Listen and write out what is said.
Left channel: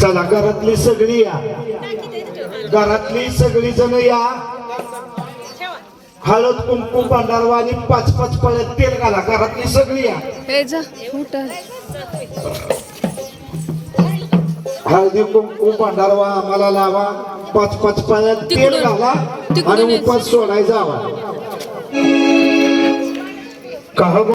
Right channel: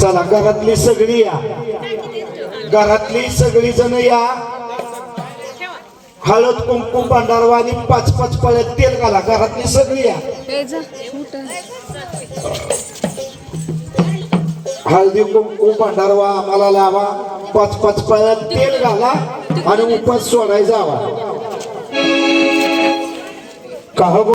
चला घरातली सगळी या, घरातली सगळी जण या. हळद कुंकू भांडारवा आणि 5-5 पळ्यात तेल घाला. घरातली सगळी या. हळदी कुंकू भांडारवा आम्हाला लावा. 5-5 पळ्यात तेल घाला आणि उपास सोडायचा.